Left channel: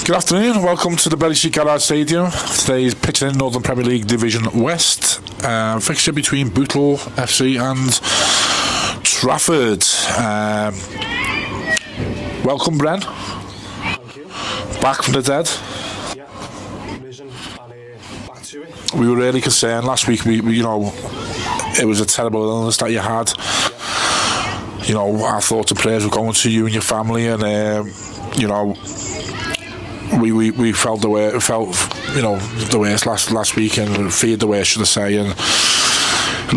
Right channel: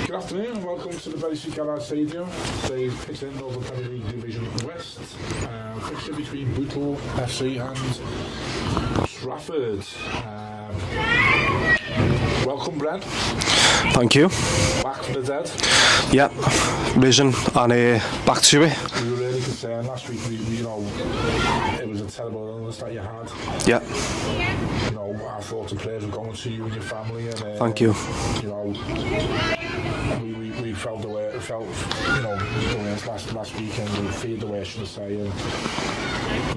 Good afternoon and welcome to the Bury Street Garage Stadium. Today is pitching in Northern Premier League Division West. Fixture between Bootle FC and Trafford. Welcome, Bren. Thank you. Back from the dead. Yeah, risen and back to it. We were really concerned last week. We it was a terrible illness that you had. Yeah. You know, our thoughts and prayers were going to you and your family, and thank you. You know, we felt the way, the worst last week, and feared the worst, should I say, and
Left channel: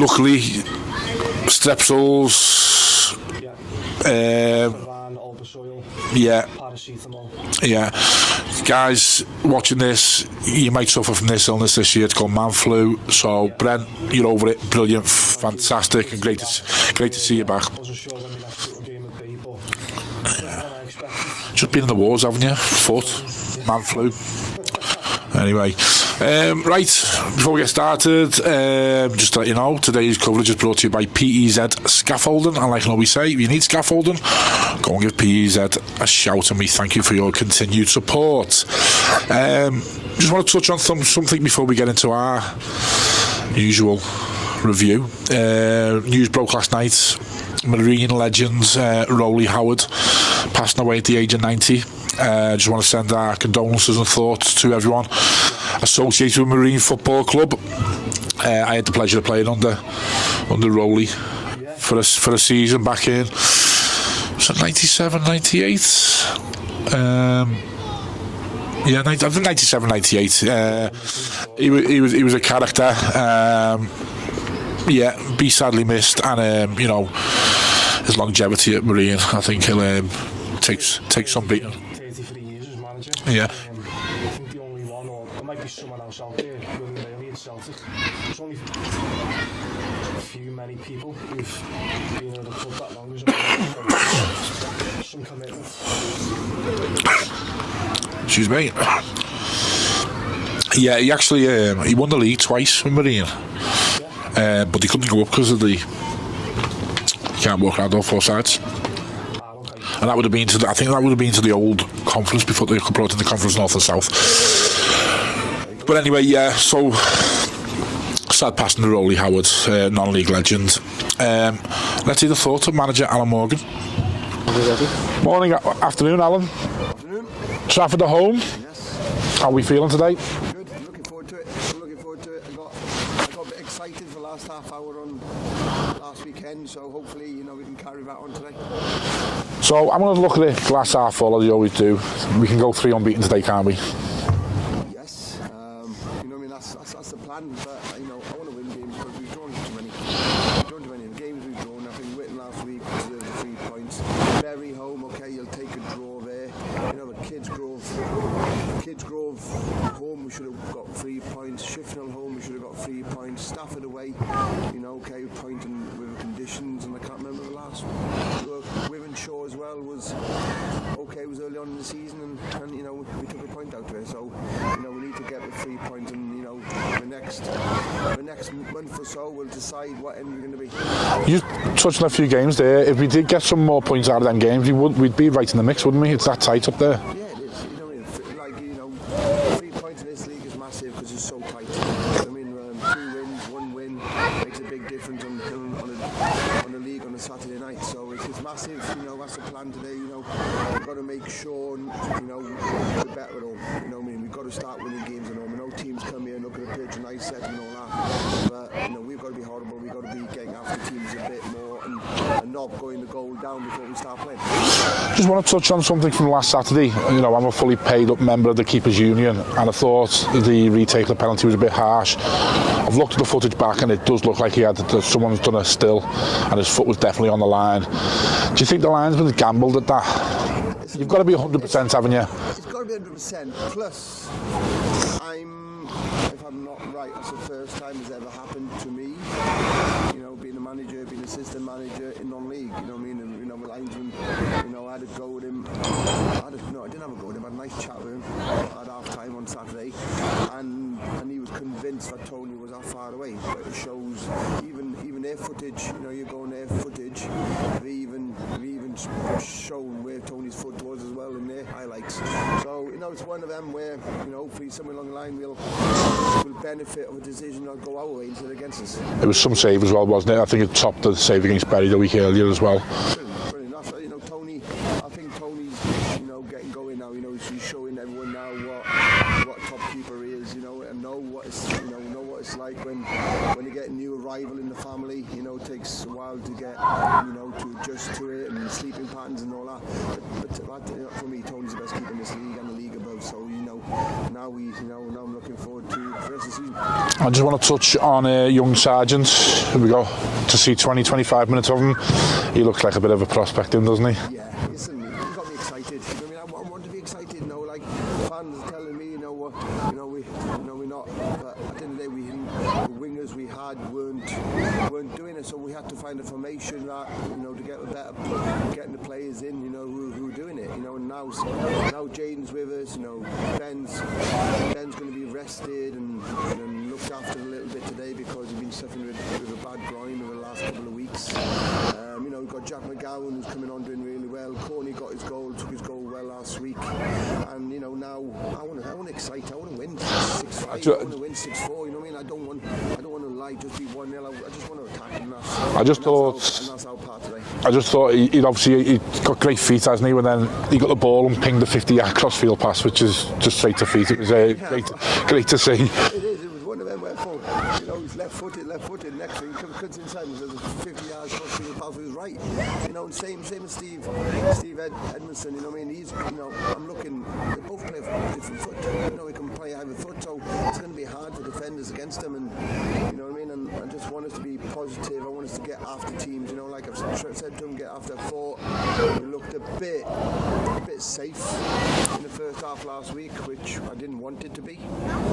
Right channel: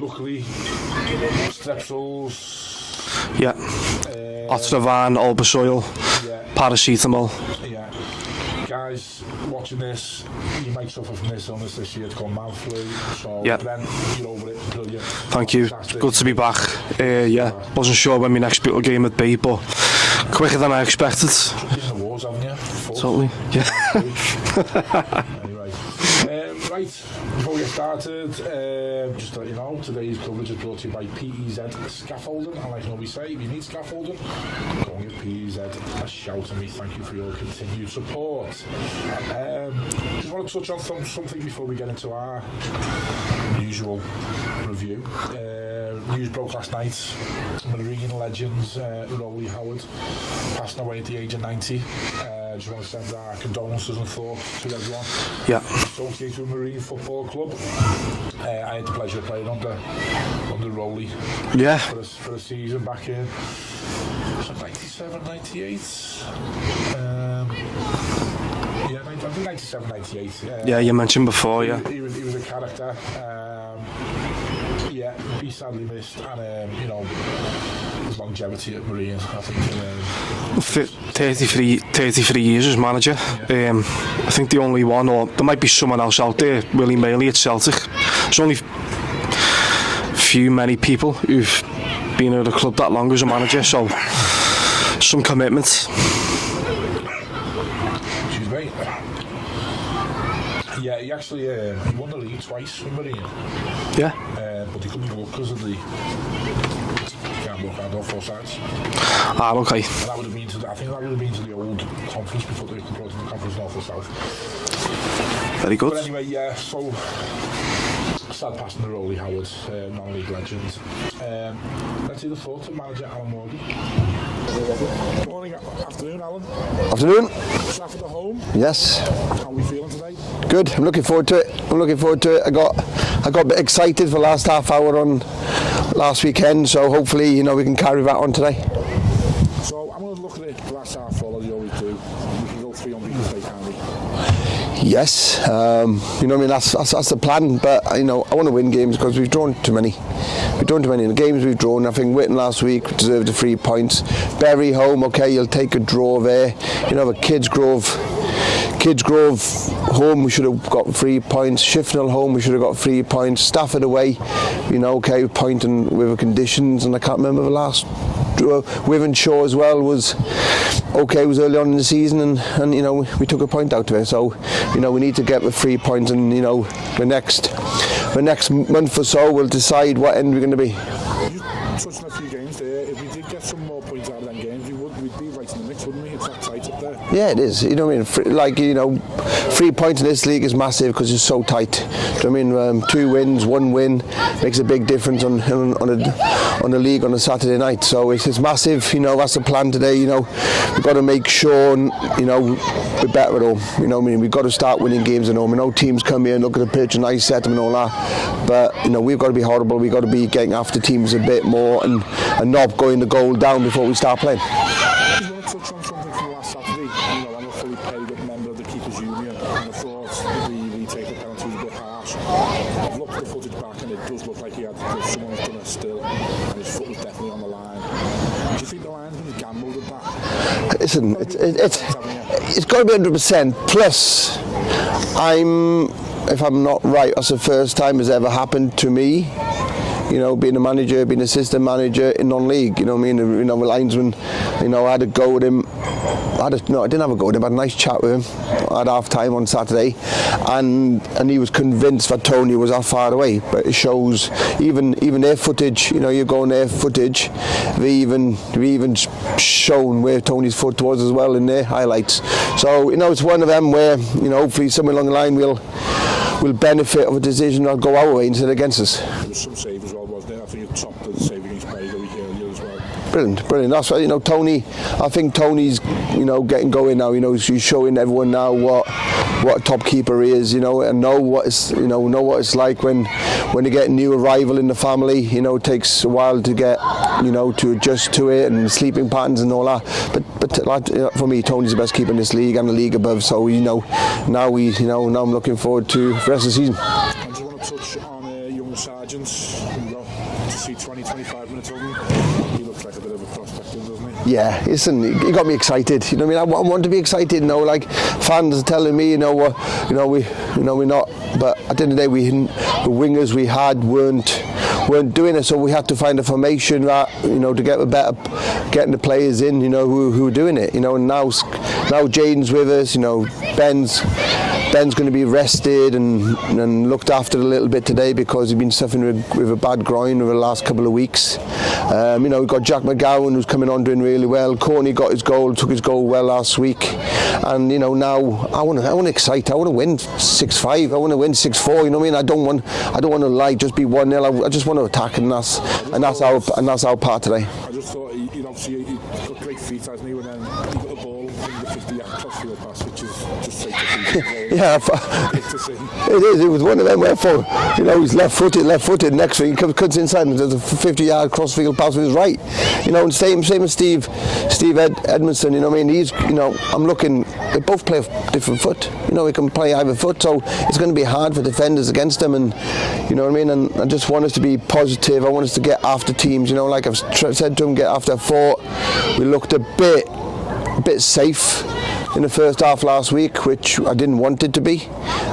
luckily strepsils, yeah, Ostravan, Albasoil, yeah, paracetamol, yeah. Guys watching this, you might suffer from this illness this year. It's called man flu. So, yep. Brent, you're over it. Brilliant. Thank Fantastic. you. Good to be back. Great to see you back. Wasn't sure when my next Bootle game would be, but quicker than I expected. Just been in the wars, haven't you? Foot. Totally. Yeah. Man flu. Anyway, right, before we get started, just to let you know, today's coverage is brought to you by PEZ Scaffolding. And like I always say, if you need scaffolding, go and give PEZ a shout, and we thank you for your continued support. Just want to touch on something before we get into our usual review. News broke last night. Marine legends Rolly Howard passing away at the age of 90. Just want to send our condolences and thoughts to everyone associated with Marine Football Club. I had the pleasure of playing under Rolly for a season back in, was it 97, 98? Yeah, I think 97, 98. Yeah, you mentioned before. He was a character. Be sadly missed, and his longevity at Marine, I think he'll take 33 years as manager. Yeah. I think the only one, or there might be someone else out there, Willie Maley at Celtic. There's only many people who've been at the club that long as a manager, so some commitment. Excuse me. Yeah, he actually he won the league twice with Marine. Yeah. But he couldn't go up because of the can't walk around all four sides. Okay. And that would have been to the old conference before they brought in the conference North and South. Very good. But anyway, yeah. So sad passing to Rolly Howard, non-league legend. Let's hear the thoughts of manager Alan Morgan. Morning, afternoon, Alan. Afternoon. Trafford at home. Yes. How are we feeling today? Good. I'm looking forward to it. I got a bit excited for the last half hour on last weekend, so hopefully we can carry that on today. So I'm going to look at it glass half full, as you always do. We can go 3 unbeaten today, can't we? Yes. That's the plan. But I want to win games because we've drawn too many. We've drawn too many in the games we've drawn. I think Witten last week deserved the 3 points. Bury home, okay, you'll take a draw there. But Kids Grove home, we should have got 3 points. Shifnal home, we should have got 3 points. Stafford away, okay, pointing with the conditions, and I can't remember the last. Wivenshaw as well was okay. It was early on in the season, and we took a point out of it. So we need to get the 3 points, and the next month or so we'll decide what end we're going to be. You touched on a few games there. If we did get some more points out of them games, we'd be right in the mix, wouldn't we? It's that tight up there. Yeah, it is. 3 points in this league is massive because it's so tight. 2 wins, 1 win makes a big difference on the league on a Saturday night. So it's massive. That's the plan today. We've got to make sure, we're better at home. We've got to start winning games at home. Teams come here and look at the pitch and I set them and all that. But we've got to be horrible. We've got to be getting after teams a bit more and not going the goal down before we start playing. Just want to touch on something from last Saturday. I'm a fully paid up member of the Keepers Union, and I thought the retake of the penalty was a bit harsh. I've looked at the footage back, and it does look like someone's done a still, and his foot was definitely on the line. Do you think the linesman gambled at that? You've got to be 100%, haven't you? It's got to be 100%. Plus, if I'm not right, that's the first time it's ever happened to me. Being a manager, being assistant manager in non-league, the linesman, I had a go at him I didn't have a go with him. I had a nice chat with him at half time on Saturday, and he was convinced that Tony was that far away. But it shows even their footage. You go on their footage, they even shown where Tony's foot was as well in their highlights. So it's one of them where hopefully somewhere along the line we'll benefit of a decision that'll go our way instead of against us. It was some save as well, wasn't it? I think it topped the save against Bury the week earlier as well. Brilliant. That's why Tony. I think Tony's getting going now. He's showing everyone now what a top keeper he is. And know what it's like when you get a new arrival in the family. It takes a while to get to adjust to it and sleeping patterns and all that. But for me, Tony's the best keeper in this league and the league above. So now I'm looking forward to the rest of the season. I just want to touch on young Sargent. Here we go. To see 20-25 minutes of him, he looks like a bit of a prospect, doesn't he? Yeah, listen, he got me excited. I want to be excited. Like fans are telling me, we're not. But at the end of the day, the wingers we had weren't doing it, so we had to find a formation that to get getting the players in, who were doing it. And now Jaden's with us. Ben's going to be rested and looked after a little bit today because he's been suffering with a bad groin over the last couple of weeks. We've got Jack McGowan who's coming on doing really well. Courtney took his goal well last week, and now I want to excite. I want to win 6-5. I want to win 6-4. I don't want to lie, just be 1-0. I just want to attack, and that's our part today. I just thought he got great feet, hasn't he? When then he got the ball and pinged the 50-yard crossfield pass, which is just straight to feet. It was great to see. It is. It was one of them where he's left-footed. Next thing he comes inside and does a 50-yard crossfield pass with his right. And same as Steve Edmondson. He's. I'm looking. They both play a different foot. He can play either foot, so it's going to be hard for defenders against him. And And I just want us to be positive. I want us to get after teams. Like I've said to him, get after 4. We looked a bit safe in the first half last week, which I didn't want it to be.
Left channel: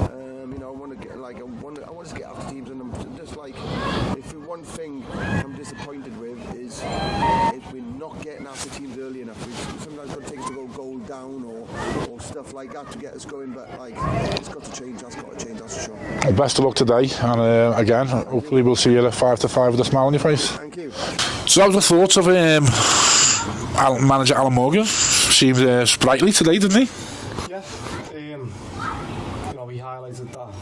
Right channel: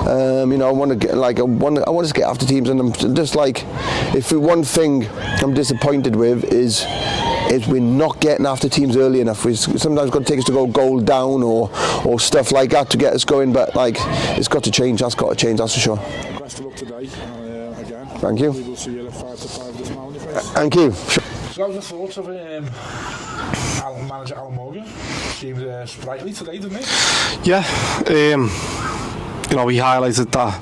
I want us to get after teams, and I'm just like, if one thing I'm disappointed with is we're not getting after teams early enough. We sometimes got to take us to go goal down or stuff like that to get us going, but it's got to change. That's got to change, that's for sure. Best of luck today, and again, thank you. We will see you at 5-5 with a smile on your face. Thank you. So that was the thoughts of manager Alan Morgan. Seemed sprightly today, didn't he? Yeah. We highlighted that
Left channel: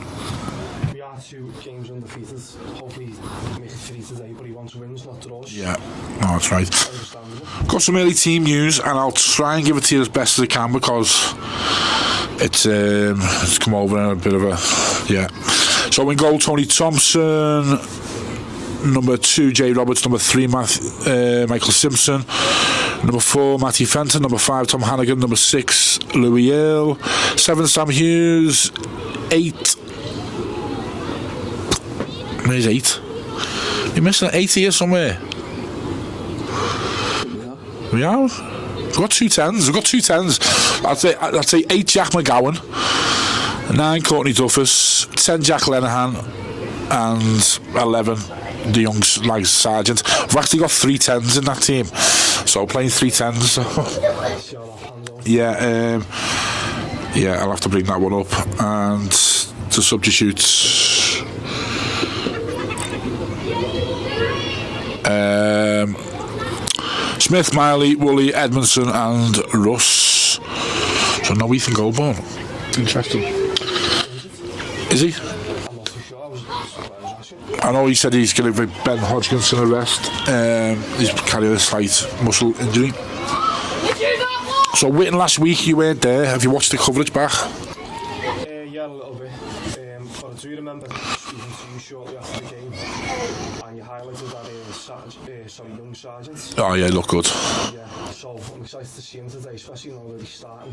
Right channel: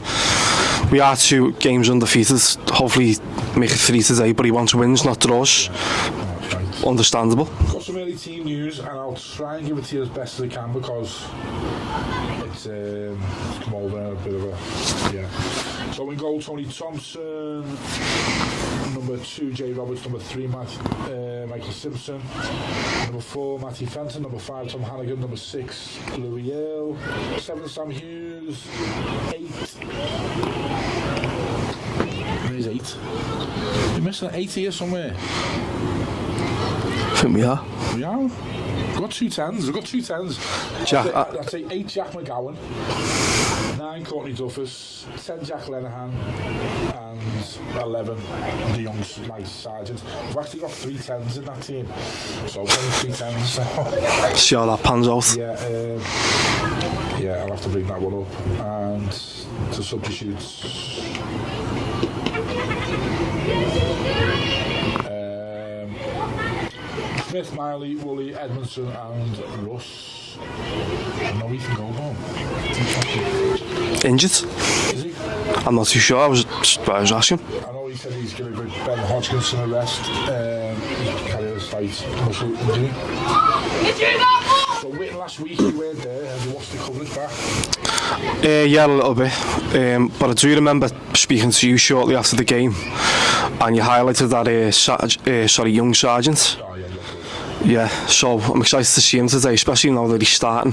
we are 2 games undefeated. Hopefully make it 3 today, but he wants wins, not draws. Yeah, no, that's right. Understandable. Got some early team news, and I'll try and give it to you as best as I can because it's come over in a bit of a So in goal, Tony Thompson. Number 2, Jay Roberts. Number 3, Michael Simpson. Number 4, Matty Fenton. Number 5, Tom Hannigan. Number 6, Louis Earle. 7, Sam Hughes. 8. Where's 8? You're missing an 8 here somewhere. I think we are. We are? We've got 2 10s. We've got 2 10s. I'd say 8 Jack McGowan. 9 Courtney Duffus. 10 Jack Lenahan. And 11 the young Sargent. We've actually got 3 10s in that team, so playing 3 10s. See how that pans out. I'll have to bring that one up. And the substitutes, Smith, Miley, Woolley, Edmondson and Russ. So no Ethan Goldborn. Interesting. Injured? Is he? I'm not too sure. I was asking. I know he said he's going to give Ben Hodgkinson a rest. He's carrying a slight muscle injury. So waiting last week, you weren't there. Have you watched the coverage back? Yeah, a little bit. But I do remember speaking to you shortly after the game, and you highlighted that young Sargent. Oh yeah, he looked good. Yeah, so I'm excited to see him today, especially now that he's starting.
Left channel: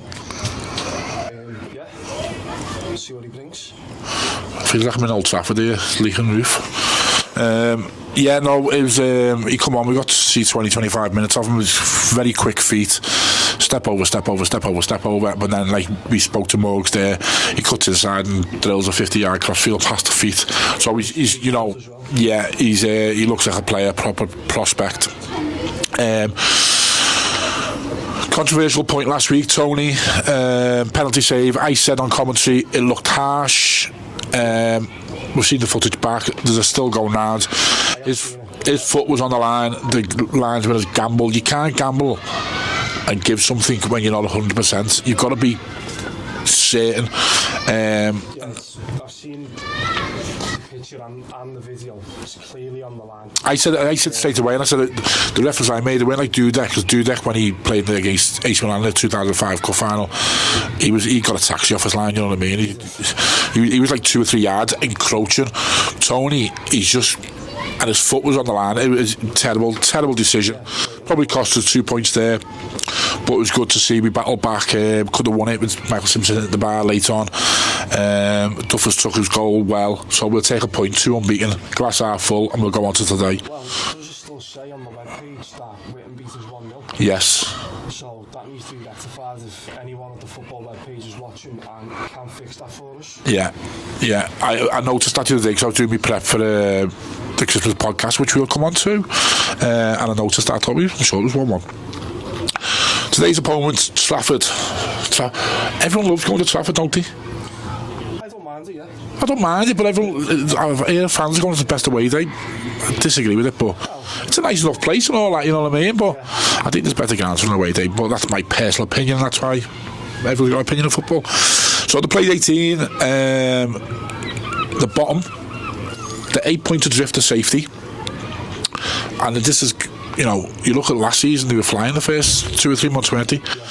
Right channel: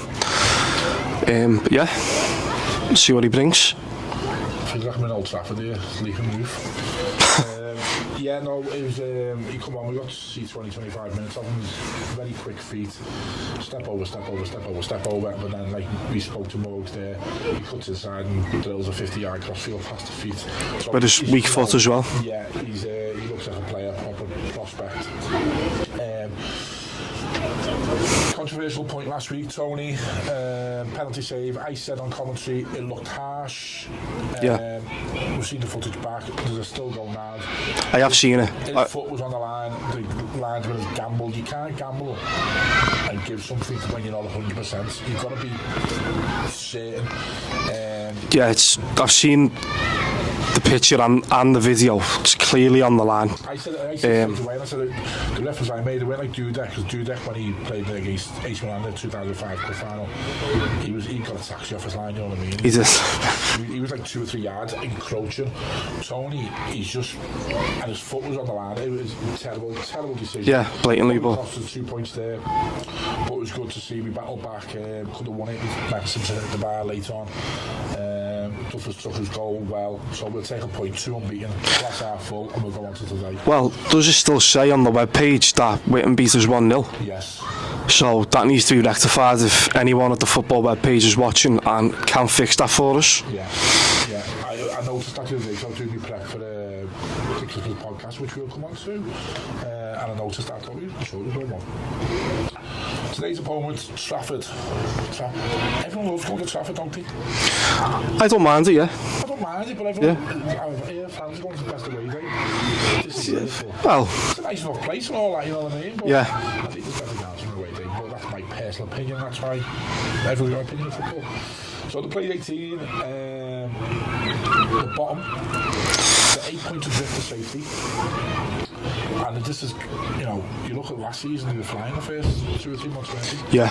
See what he brings. Feels like I'm in Old Trafford here, leaking roof. It was he come on, we got to see 20-25 minutes of him. It was very quick feet, step over, but then like we spoke to Morgs there, he cuts inside and drills a 50-yard crossfield past the feet. So he's weak foot as well. Yeah, he looks like a player, proper prospect. Controversial point last week, Tony. Penalty save. I said on commentary it looked harsh. We've seen the footage back. There's a still going round. I have seen it. His foot was on the line. The linesman has gambled. You can't gamble and give something when you're not 100%. You've got to be certain. I've seen the picture and the video. It's clearly on the line. I said straight away, and I said the reference I made, it went like Dudek, because Dudek, when he played against AC Milan in the 2005 cup final, he got a taxi off his line, you know what I mean? He was like 2 or 3 yards encroaching. Tony, he's just, and his foot was on the line. It was terrible decision. Yeah, blatantly. Probably cost us 2 points there, but it was good to see we battled back. Could have won it with Michael Simpson at the bar late on. Duffus took his goal well, so we'll take a point, 2 unbeaten, glass half full, and we'll go on to today. Well, does it still say on the webpage that Witten beat us 1-0? Yes. So that needs to be rectified if anyone at the football webpage is watching and can fix that for us. Yeah. I noticed that the other day because I was doing my prep for the Christmas podcast, which we'll come on to, and I noticed that. I thought I'm sure it was 1-1. Today's opponent, Trafford. Everyone loves going to Trafford, don't they? I don't mind it, yeah. I don't mind it, but everyone, I hear fans are going to the best away day. Disagree with it, but it's a nice enough place and all that, you know what I mean? But I think there's better grounds for an away day, but that's my personal opinion, that's why everyone's got an opinion of football. So they played 18, the bottom, the 8 point adrift to safety, and this is, you know, you look at last season, they were flying the first 2 or 3 months, weren't they? Yeah.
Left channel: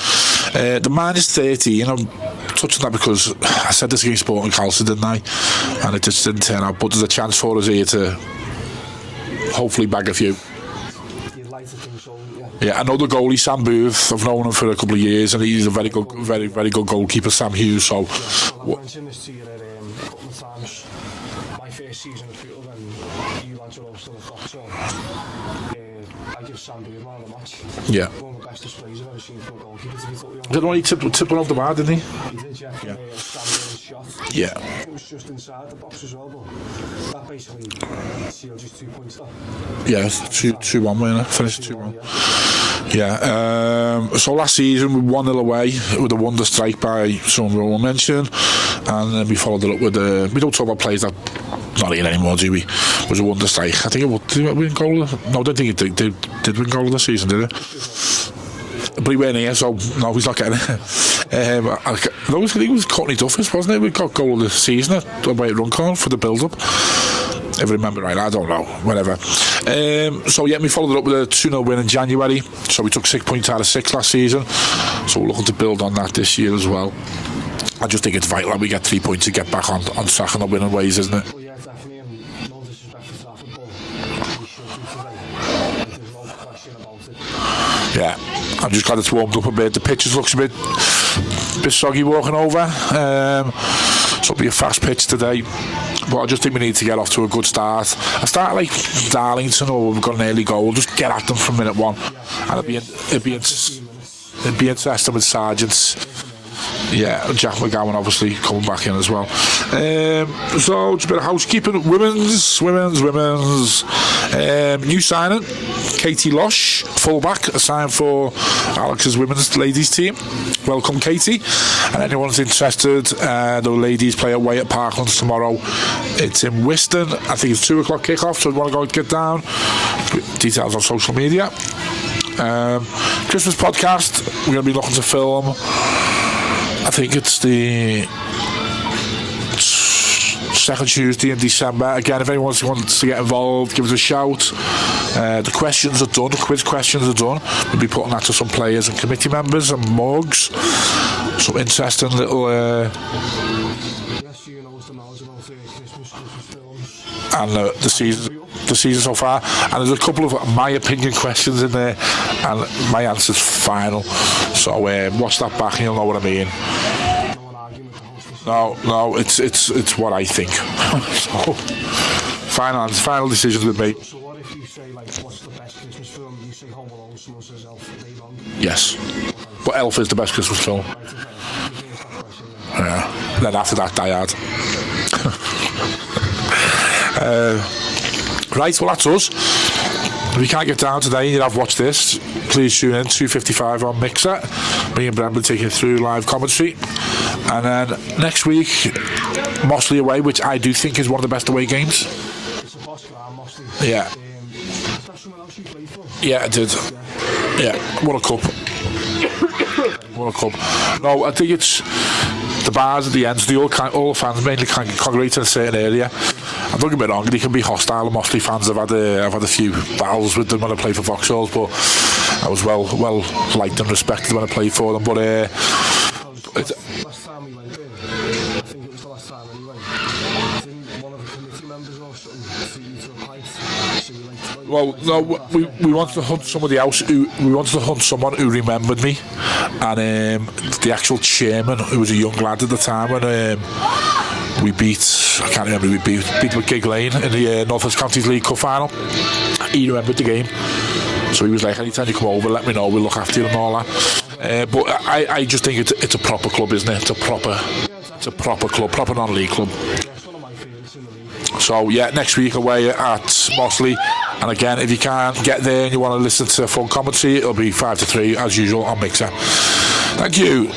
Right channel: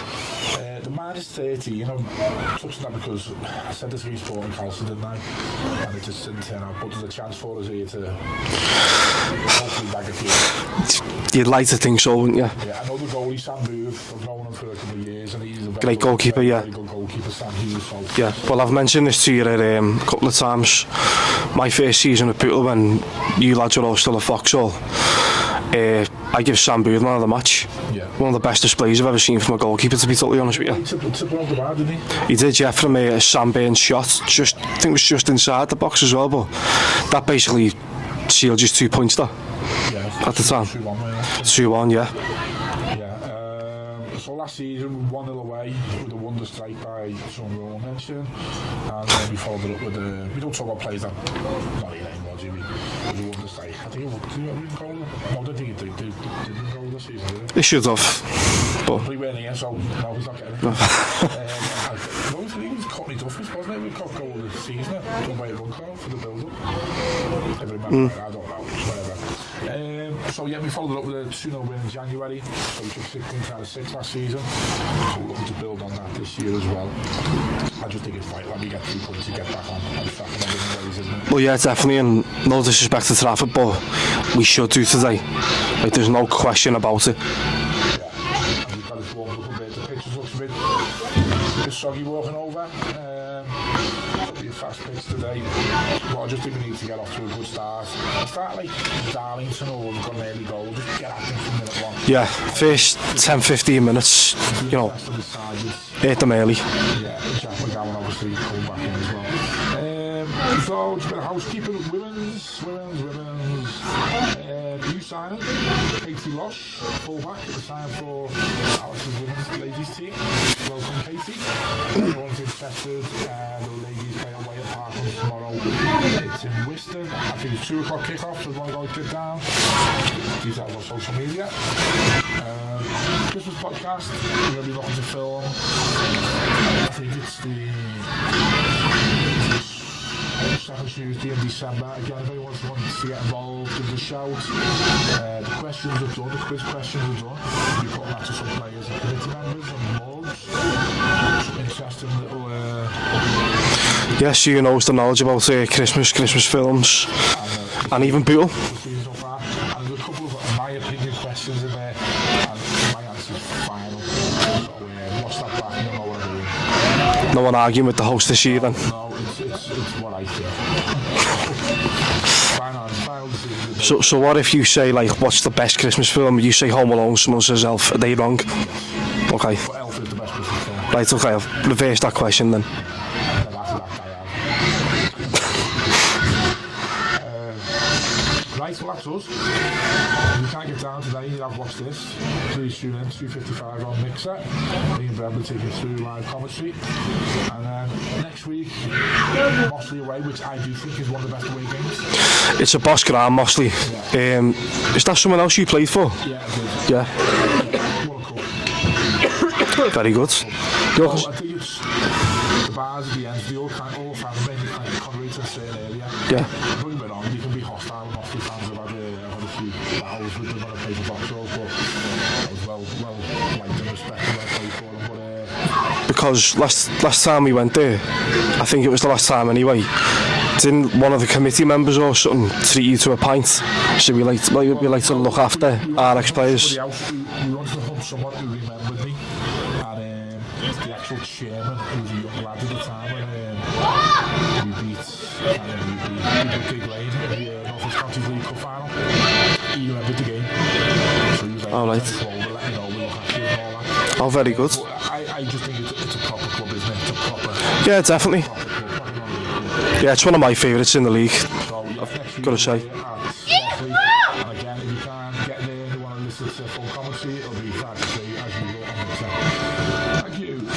The minus 30, you know, touching that because I said this against Sporting Calcium, didn't I? And it just didn't turn out, but there's a chance for us here to hopefully bag a few. You'd like to think so, wouldn't you? Yeah, I know the goalie, Sam Booth. I've known him for a couple of years, and he's a very good goalkeeper, very good goalkeeper, Sam Hughes. So yeah, well, I've mentioned this to you a couple of times. My first season with Bootle, when you lads were all still at Vauxhall, I give Sam Booth man of the match. Yeah, one of the best displays I've ever seen from a goalkeeper, to be totally honest with you. He tipped one off the bar, didn't he? He did, yeah, from a Sam Byrne shot. I think it was just inside the box as well, but that basically sealed just 2 points there. Yeah, 2-1, wasn't it? 2-1, yeah. Yeah, so last season we 1-0 away with a wonder strike by someone we won't mention, and then we followed it up with we don't talk about players that not here anymore, do we? It was a wonder strike. I think did it win goal? No, I don't think it did win goal this season, did it? It should have. But he weren't here, so no, he's not getting it. I think it was Courtney Duffus, wasn't it? We got goal of the season away at Runcorn for the build-up. If I remember right, I don't know, whatever. So yeah, we followed it up with a 2-0 win in January. So we took 6 points out of 6 last season. So we're looking to build on that this year as well. I just think it's vital that we get 3 points to get back on track and up winning ways, isn't it? Well, yeah, definitely, and no disrespect to Trafford, but we should do today. Like, there's no question about it. Yeah, I'm just glad it's warmed up a bit. The pitch looks a bit soggy walking over. So it'll be a fast pitch today. But I just think we need to get off to a good start. I start like Darlington, or we've got an early goal. Just get at them from minute 1. Yeah, first 10-15 minutes. It'd be interesting with Sargents. Hit them early. Yeah, Jack McGowan obviously coming back in as well. So just a bit of housekeeping. Women's. New signing, Katie Losh, fullback, assigned for Alex's women's ladies team. Welcome, Katie. Anyone's interested, the ladies play away at Parklands tomorrow. It's in Wiston. I think it's 2 o'clock kick-off, so if you want to go and get down, details on social media. Christmas podcast, we're going to be looking to film, I think it's the second Tuesday in December. Again, if anyone wants to get involved, give us a shout. The questions are done, the quiz questions are done. We'll be putting that to some players and committee members and mugs. Some interesting little yes, you know the knowledge about Christmas films and the season, even Bootle. The season so far, and there's a couple of my opinion questions in there, and my answer's final. So watch that back and you'll know what I mean. No one arguing with the host this year. No, it's what I think. Final decisions with me. So what if you say, like, what's the best Christmas film? You say Home Alone, someone says Elf. Are they wrong? Yes. Okay. But Elf is the best Christmas film. Right, okay, I'll reverse that question then. Yeah. Then after that, Die Hard. Right, well, that's us. If you can't get down today and you have watched this, please tune in 2:55 on Mixer. Me and Brent will take you through live commentary. And then next week, Mossley away, which I do think is one of the best away games. It's a boss ground, Mossley. Yeah. Is that someone else you played for? Yeah, I did. Yeah. Yeah, won a cup. Very good. Won a cup. No, I think it's the bars at the end, so all the fans mainly congregate in a certain area. Yeah. And don't get me wrong, they can be hostile. Mostly fans have had a few battles with them when I played for Vauxhalls, but I was well liked and respected when I played for them. But because last time we went there, I think it was the last time anyway, didn't one of the committee members or something treat you to a pint? So we like to look after we our wanted to hunt ex-players. somebody else we wanted to hunt someone who remembered me, and the actual chairman, who was a young lad at the time, when we beat, I can't remember who we beat with Gig Lane in the North West Counties League Cup final. He remembered the game, so he was like, anytime you come over, let me know, we'll look after you and all that. Oh, very good. But I just think it's a proper club, isn't it? It's a proper, yeah, definitely proper club, proper non-league club. Yeah, it's one of my favourites in the league. So yeah, next week away at Mossley. And again, if you can't get there and you want to listen to full commentary, it'll be 5 to 3 as usual on Mixer. Thank you.